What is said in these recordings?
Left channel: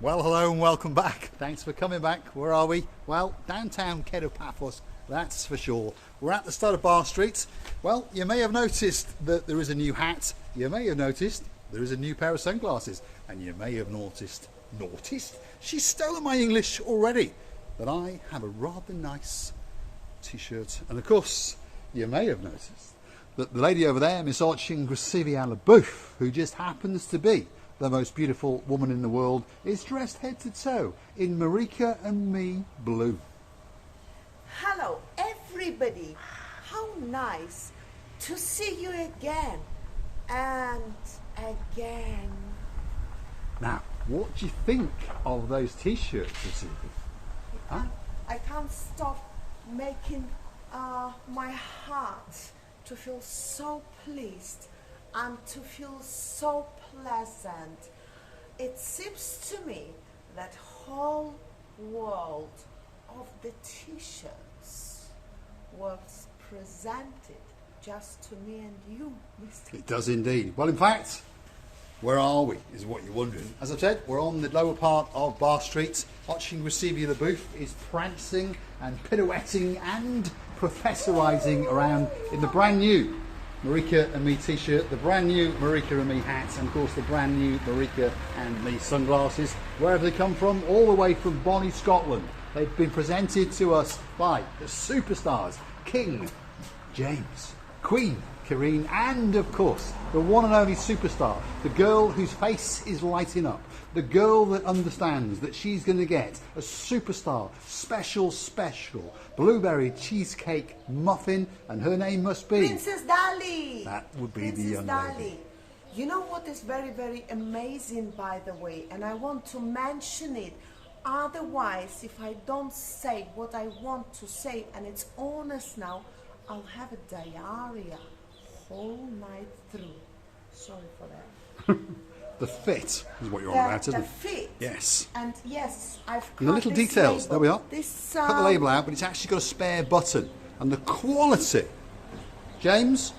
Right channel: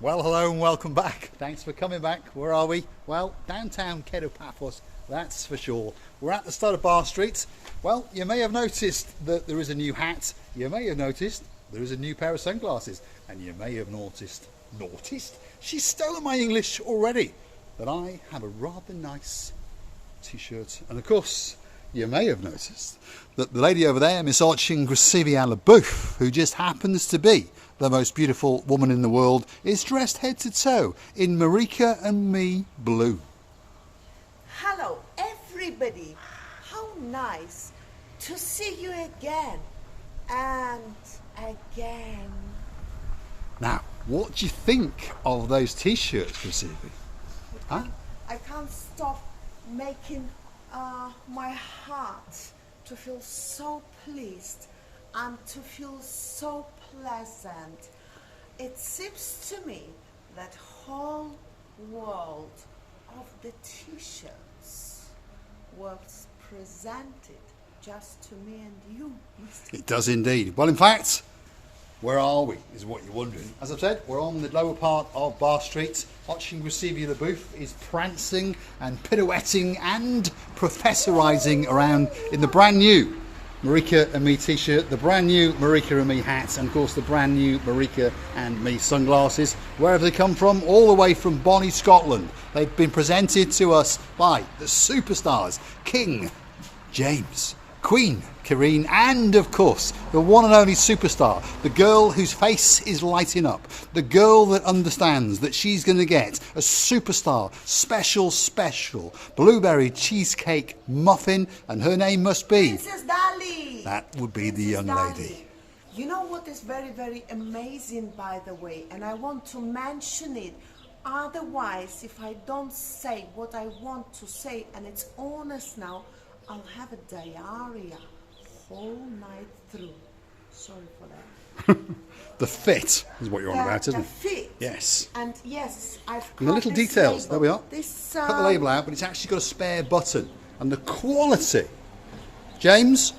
Well, hello and welcome back. Thanks for coming back. Where are we? Well, downtown Kato, Paphos, that's for sure. We're at the start of Bar Street. Well, you may have noticed that there is a new hat. You may have noticed there is a new pair of sunglasses. And you may have noticed? She's stolen my English already. That I have a rather nice t-shirt. And of course, you may have noticed that the lady over there, Miss Archingrisivia LaBouffe, who just happens to be the most beautiful woman in the world, is dressed head to toe in Marika and me blue. Hello everybody, how nice to see you again and again. Now, what do you think of those t-shirts, Rasibi? I can't stop making my heart to feel so pleased and to feel so pleasant. It seems to me that whole world of the t-shirts was presented just to me and you, Mr. It does indeed. Well, in fact, where are we, is what you're wondering. As I've said, we're on the lower part of Bar Street. Archingrisivia LaBouffe is prancing and pirouetting and professorising around in the brand new Marika and me t-shirt, the brand new Marika and me hats, and of course the brand new Marika and me sunglasses. Where have they come from? All the way from Bonnie, Scotland. They've been presented to us by the superstars King James, Queen Karine, and of course the one and only superstar, the girl whose face is lighting up, the girl that understands that she's going to get a superstar special blueberry cheesecake muffin, and her name must be Princess Dali. That would be the young lady. You know what is very, very amazing, by the way, and I want to mention it. Otherwise, if I don't say what I want to say, and it's honest now, I'll have a diarrhea whole night through. Sorry for that. The fit is what you're on about, isn't it? The fit. Yes. And yes, I've got And the little this details, label. there we are. This, Cut the label out, but it's actually got a spare button. And the quality. James,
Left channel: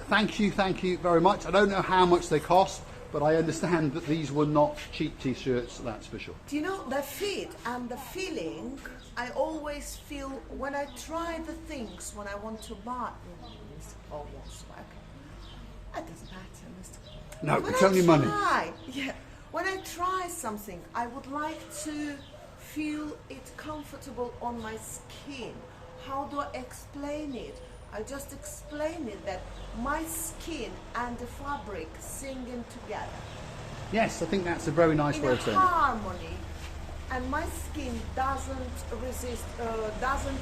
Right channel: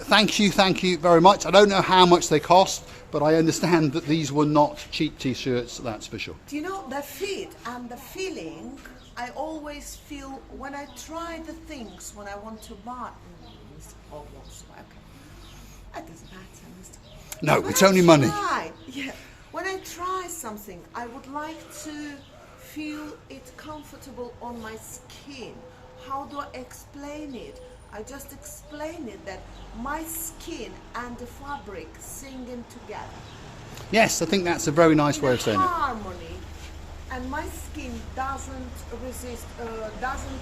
thank you very much. I don't know how much they cost, but I understand that these were not cheap t-shirts, that's for sure. Do you know the fit and the feeling I always feel when I try the things, when I want to buy? Oh, yes, okay. It doesn't matter, Mr. No, When it's I only money. When I try something, I would like to feel it comfortable on my skin. How do I explain it? I just explain it that my skin and the fabric singing together. Yes, I think that's a very nice way of saying it. Harmony, and my skin doesn't resist, doesn't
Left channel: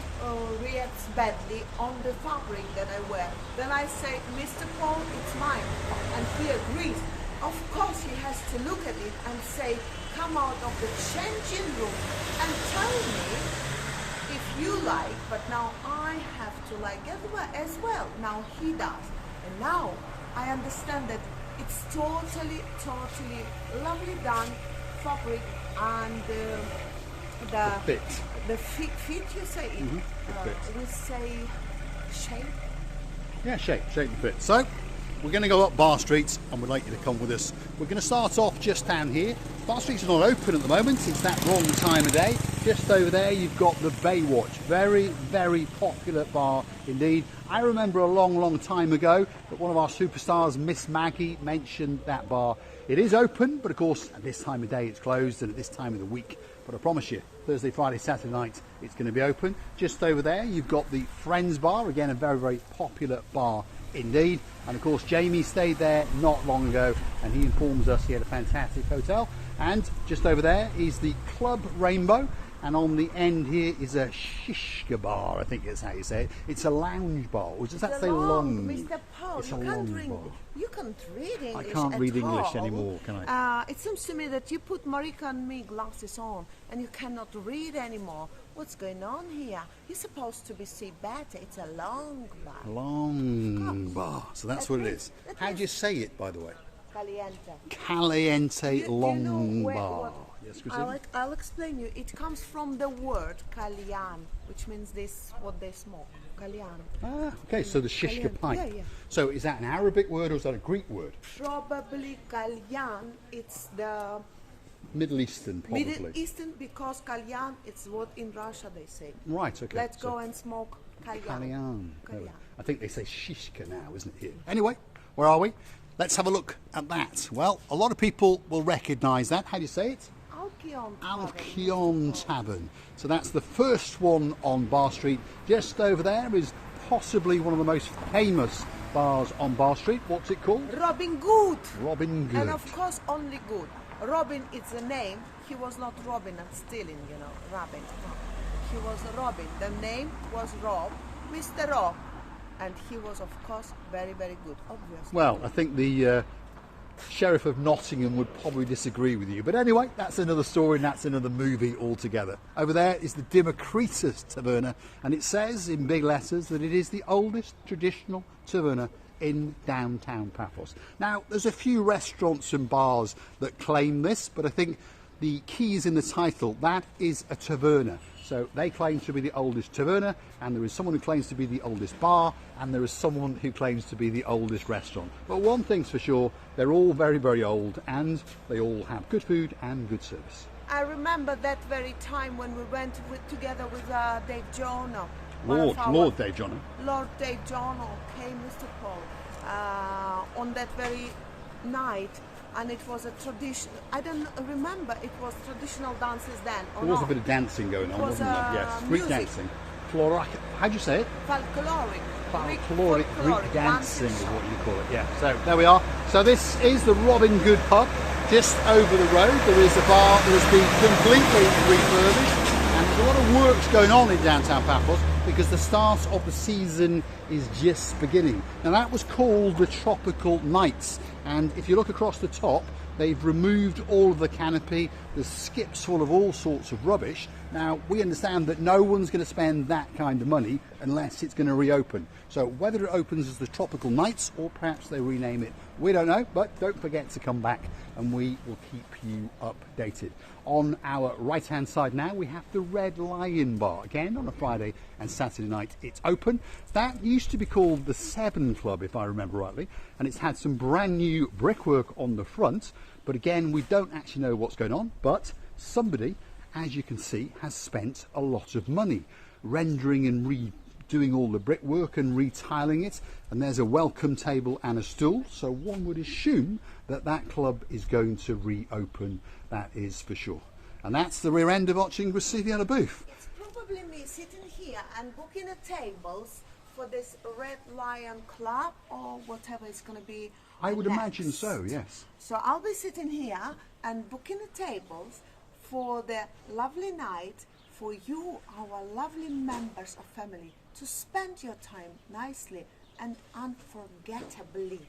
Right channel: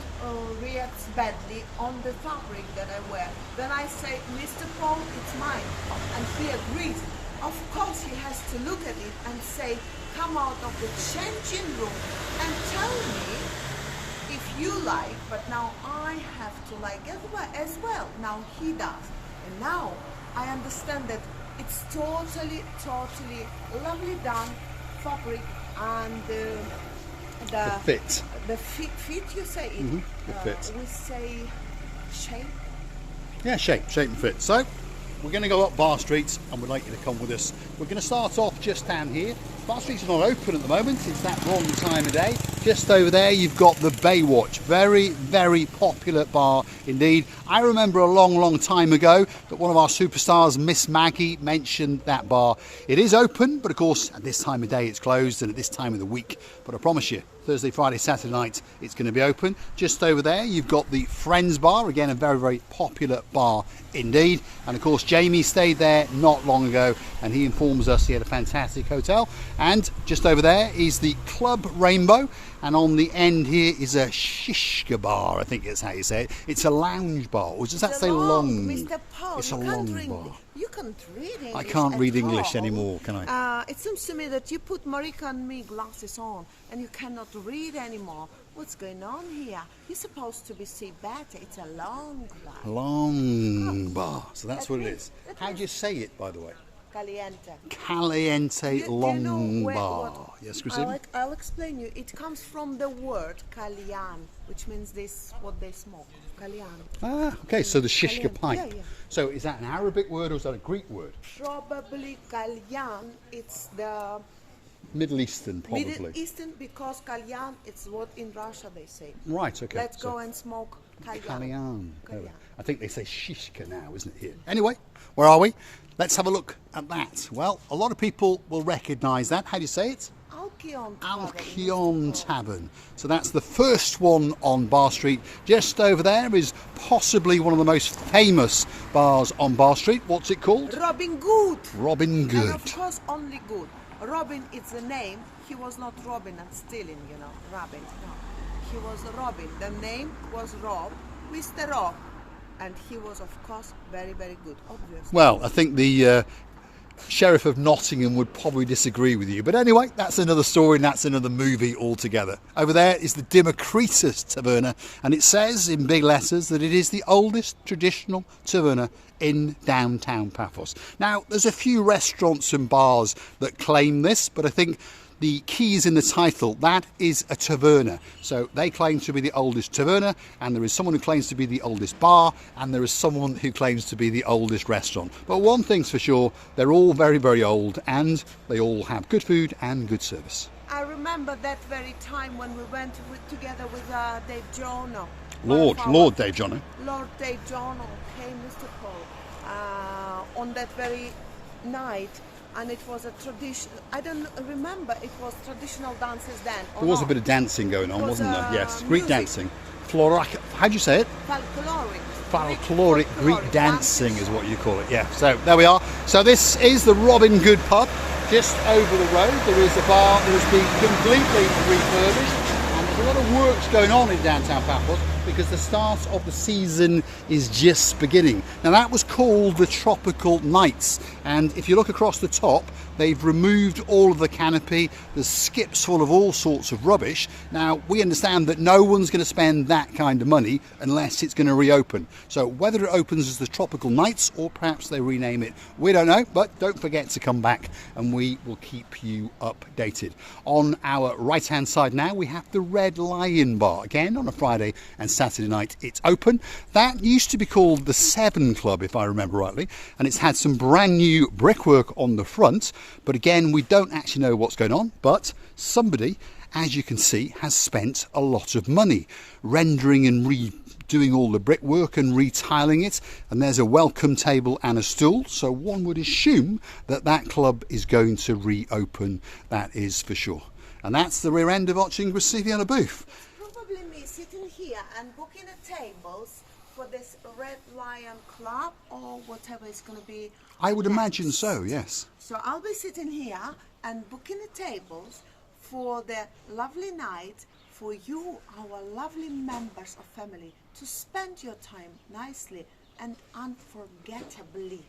react badly on the fabric that I wear. Then I say, Mr. Paul, it's mine, and he agrees. Of course, he has to look at it and say, come out of the changing room and tell me if you like, but now I have to like as well. Now he does. And now I understand that it's totally lovely done, fabric and the fit. The fit you say it. The fit. We say shape. Yeah, shape and fit. So, we're going to go up Bar Street and we'd like you to come with us. We're going to start off just down here. Bar Street's not open at the moment, it's that wrong time of day. Just over there you've got the Baywatch, very popular bar indeed. I remember a long time ago that one of our superstars, Miss Maggie, mentioned that bar. It is open, but of course at this time of day it's closed, and at this time of the week, but I promise you, Thursday, Friday, Saturday night, it's going to be open. Just over there, you've got the Friends Bar, again, a very popular bar indeed. And of course, Jamie stayed there not long ago, and he informs us he had a fantastic hotel. And just over there is the Club Rainbow, and on the end here is a shishka bar, I think is how you say it. It's a lounge bar, or does that say long? Mr. Paul, it's a long bar. You can't read English. I can't read English all. anymore, can I? It seems to me that you put Marika and me glasses on and you cannot read anymore. What's going on here? You're supposed to be see better. It's a long bar. Long bar. So that's what it is. How do you say it, by the way? Caliente. Caliente long Do you know bar. Yes, Christine? I'll explain you. It comes from the word calian, which means this, what they smoke. Calian. Ah, okay, so the shishka pipe. Yeah. So is that an Arabic word or is that a Greek word? Probably calian. It's the Middle Eastern, probably. Middle Eastern, because kalyan, it's what in Russia they say. Right, okay. Let's go and smoke kalyan. Kalyan. I think they say shishka now, isn't it, here? Anyway, where are we? Let's have a look at that. Well, a lot of people will recognise that. How do you say it? Alkion Tavern. So that's the first one on Bar Street. Just over there is possibly one of the most famous bars on Bar Street. What's it called? Robin Good. Robin Good. And of course only good. Robin is the name. He was not Robin and stealing, you know, Robin. No. He was Robin. The name was Rob, Mr. Rob. And he was, of course, very, very good, obviously. Well, I think the Sheriff of Nottingham would probably disagree with you. But anyway, that's another story and that's another movie altogether. Over there is the Democritus Taverna, and it says in big letters that it is the oldest traditional taverna in downtown Paphos. Now, there's a few restaurants and bars that claim this, but I think the key is in the title. That is a taverna. So they claim to be the oldest taverna, and there is someone who claims to be the oldest bar, and there is someone who claims to be the oldest restaurant. But one thing's for sure, they're all very, very old, and they all have good food and good service. I remember that very time when we went together with Dave Jono. Lord Dave Jono. Lord Dave Jono came, Mr. Paul, on that very night. And it was a tradition. I don't remember. It was traditional dances then. There was a bit of dancing going on, wasn't there? Yes, Greek dancing. How do you say it? Folkloric. Greek dancing is what you call it. Yeah. So there we are. So this is the Robin Good pub, just over the road. There is a bar that has been completely refurbished, and there's a lot of work going on in downtown Paphos because the start of the season is just beginning. Now that was called the Tropical Nights, and if you look across the top, they've removed all of the canopy. There's skips full of all sorts of rubbish. Now we understand that no one's going to spend that kind of money unless it's going to reopen. So whether it opens as the Tropical Nights or perhaps they rename it, we don't know, but don't forget to come back and we will keep you updated. On our right hand side now we have the Red Lion Bar, again on a Friday and Saturday night it's open. That used to be called the Seven Club, if I remember rightly, and it's had some brand new brickwork on the front, but again we don't actually know what's going on, but somebody, as you can see, has spent a lot of money rendering and redoing all the brickwork and retiling it, and there's a welcome table and a stool, so one would assume that that club is going to reopen, that is for sure. And that's the rear end of watching Graciliana booth. Probably me sitting here and booking the tables for this Red Lion Club or whatever it's going to be. I would imagine so, yes. So I'll be sitting here and booking the tables for the lovely night for you, our lovely members of family, to spend your time nicely and unforgettably.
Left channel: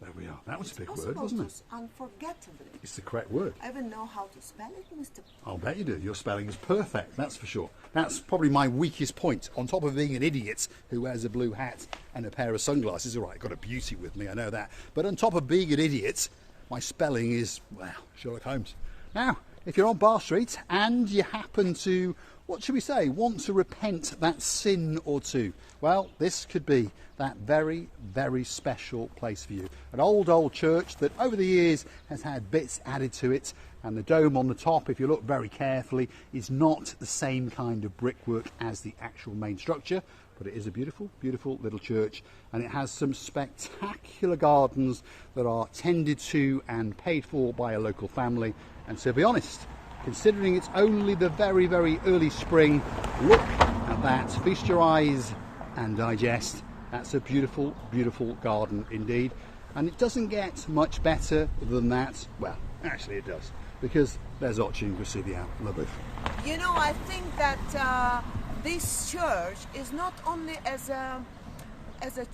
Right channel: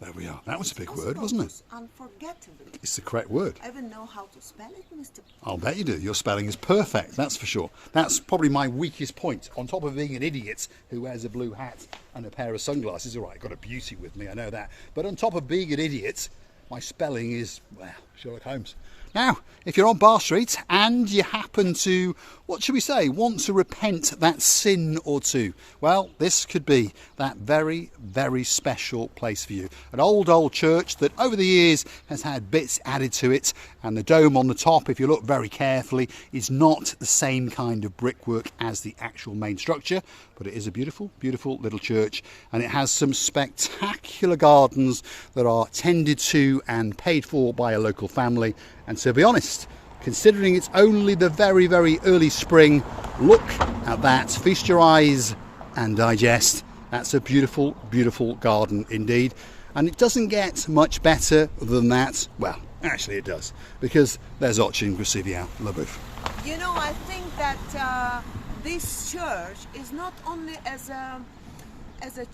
There we are. That was a big word, wasn't it? Unforgettably. It's the correct word. I even know how to spell it, Mr. I'll bet you do. Your spelling is perfect, that's for sure. That's probably my weakest point. On top of being an idiot who wears a blue hat and a pair of sunglasses, all right, I've got a beauty with me, I know that. But on top of being an idiot, my spelling is, well, Sherlock Holmes. Now, if you're on Bar Street and you happen to, what should we say, want to repent that sin or two, well, this could be that very, very special place for you. An old church that over the years has had bits added to it, and the dome on the top, if you look very carefully, is not the same kind of brickwork as the actual main structure, but it is a beautiful, beautiful little church, and it has some spectacular gardens that are tended to and paid for by a local family. And to be honest, considering it's only the very, very early spring, look at that, feast your eyes and digest. That's a beautiful, beautiful garden indeed. And it doesn't get much better than that. Well, actually it does, because there's Ochin Graciliana Labouf. You know, I think that this church is not only as a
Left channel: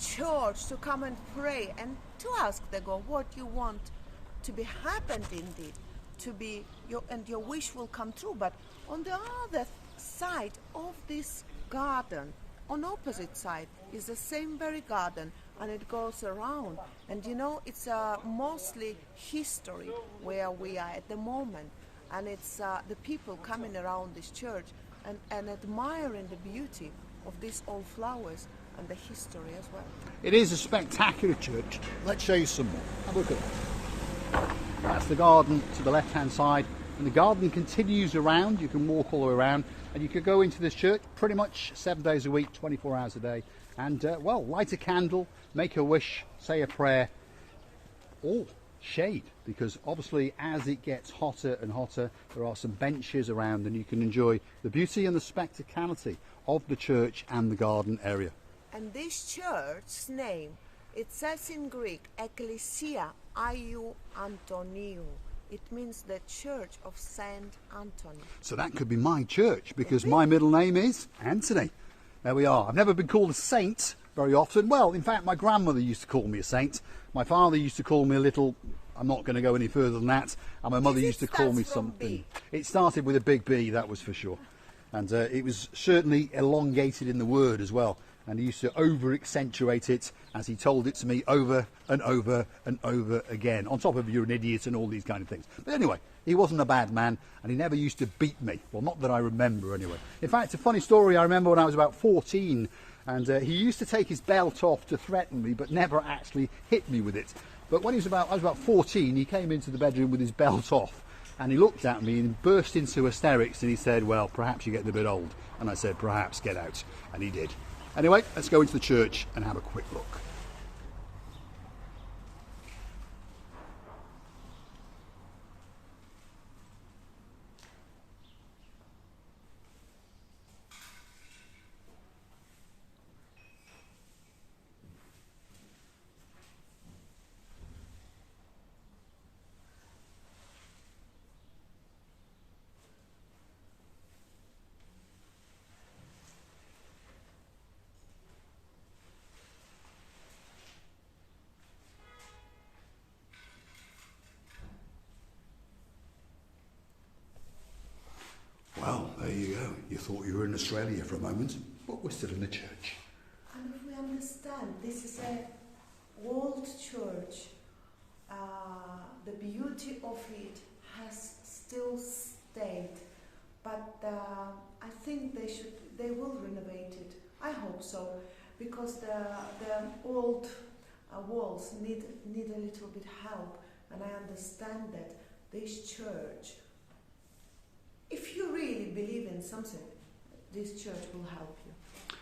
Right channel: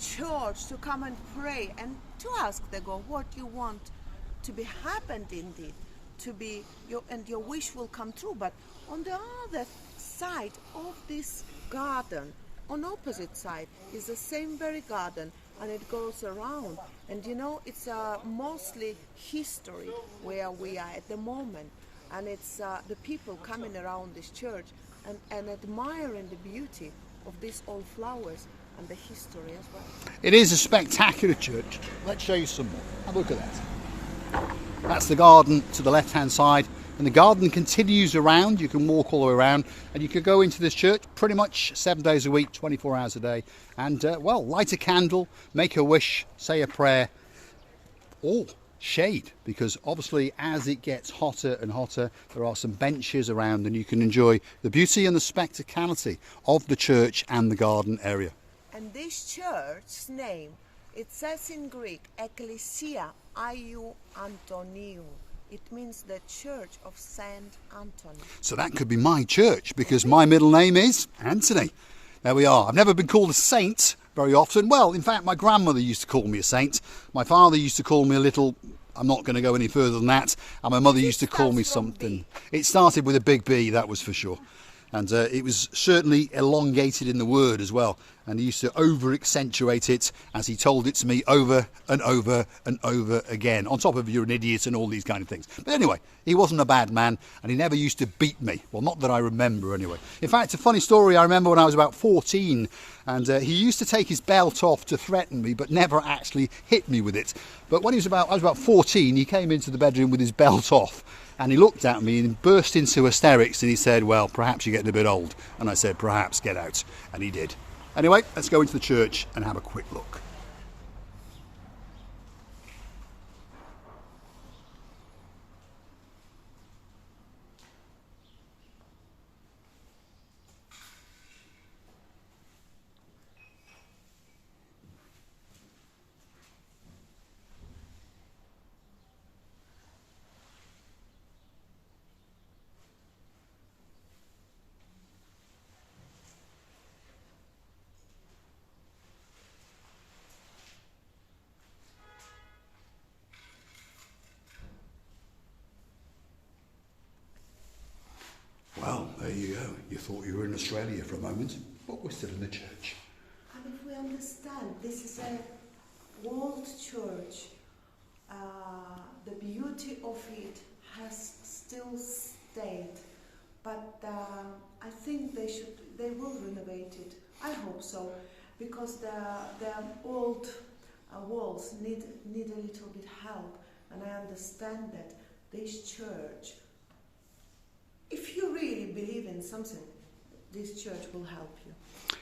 church to come and pray and to ask the God what you want to be happened indeed, to be your wish will come true, but on the other side of this garden, on opposite side, is the same very garden, and it goes around, and you know, it's mostly history where we are at the moment, and it's the people coming around this church and admiring the beauty of these old flowers and the history as well. It is a spectacular church. Let's show you some more. Have a look at that. That's the garden to the left hand side, and the garden continues around. You can walk all the way around, and you could go into this church pretty much 7 days a week, 24 hours a day, and well, light a candle, make a wish, say a prayer, all shade, because obviously as it gets hotter and hotter, there are some benches around, and you can enjoy the beauty and the spectacality of the church and the garden area. And this church's name, it says in Greek, Ekklesia Iou Antoniou. It means the Church of Saint Anthony. So that could be my church, because my middle name is Anthony. There we are. I've never been called a saint very often. Well, in fact, my grandmother used to call me a saint. My father used to call me a little, I'm not going to go any further than that. And my mother used to call me something. It started with a big B, that was for sure. And it was certainly elongated in the word as well. And he used to over-accentuate it as he told it to me over and over and over again, on top of you're an idiot and all these kind of things. But anyway, he wasn't a bad man, and he never used to beat me. Well, not that I remember anyway. In fact, a funny story I remember when I was about 14, and he used to take his belt off to threaten me, but never actually hit me with it. But when I was about 14, he came into the bedroom with his belt off. And he looked at me and burst into hysterics, and he said, well, perhaps you're getting a bit old. And I said, perhaps, get out. And he did. Anyway, let's go into the church and have a quick look. Well, there you go. You thought you were in Australia for a moment, but we're still in the church. And if we understand, this is a old church. The beauty of it has still stayed, but I think they will renovate it. I hope so, because the old walls need a little bit help, and I understand that this church, if you really believe in something, this church will help you.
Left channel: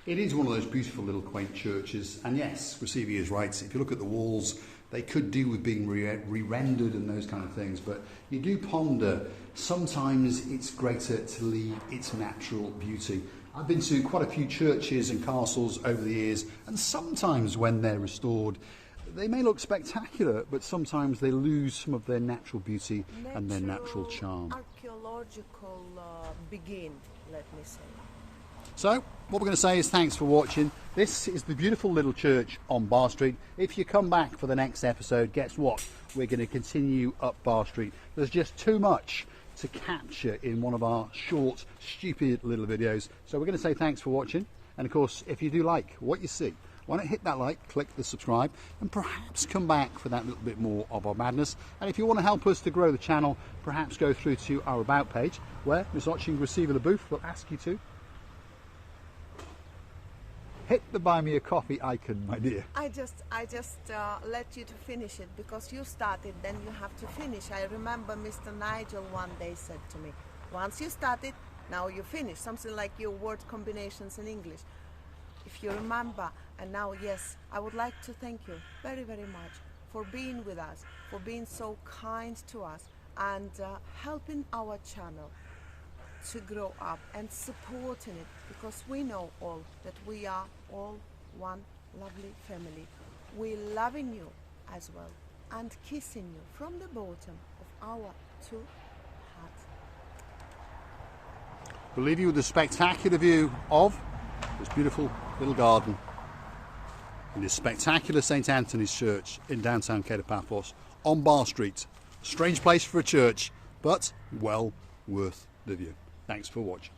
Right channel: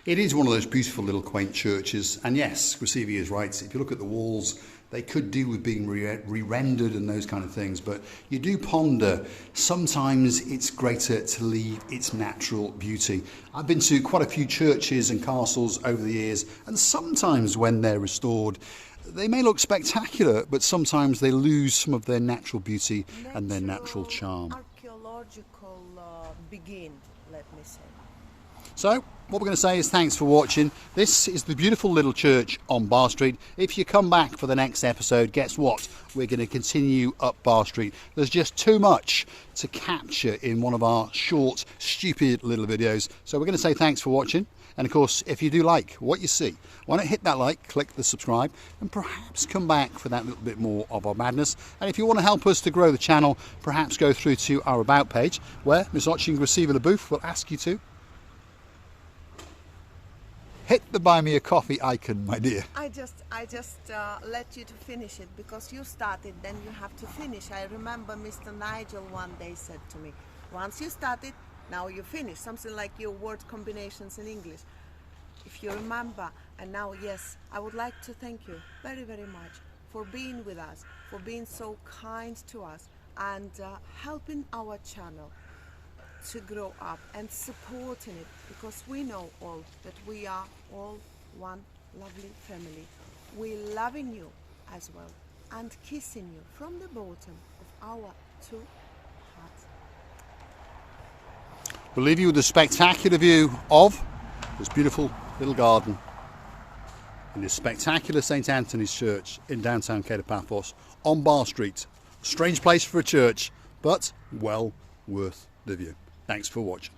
It is one of those beautiful little quaint churches, and yes, Receiving is right. If you look at the walls, they could do with being re-rendered and those kind of things, but you do ponder, sometimes it's greater to leave its natural beauty. I've been to quite a few churches and castles over the years, and sometimes when they're restored, they may look spectacular, but sometimes they lose some of their natural beauty and their natural charm. Archaeological begin, let me say. So, what we're going to say is thanks for watching. This is the beautiful little church on Bar Street. If you come back for the next episode, guess what? We're going to continue up Bar Street. There's just too much to capture in one of our short, stupid little videos. So we're going to say thanks for watching. And of course, if you do like what you see, why not hit that like, click the subscribe, and perhaps come back for that little bit more of our madness. And if you want to help us to grow the channel, perhaps go through to our About page, where Miss Otching Receiver LaBouffe will ask you to hit the buy me a coffee icon, my dear. I just let you to finish it, because you started, then you have to finish. I remember Mr. Nigel one day said to me, once you started, now you finish. Something like your word combinations in English, if you remember. And now, yes, I would like to thank you very, very much for being with us, for being so kind to us, and helping our channel to grow up and supporting it, because we know all that we are all one lovely family. We're loving you as well and kissing you from the bottom of our two hearts. We'll leave you with a spectacular view of this beautiful little garden in this spectacular St. Anthony's Church in downtown Kato, Paphos on Bar Street. Strange place for a church, but well worth the view. Thanks for watching.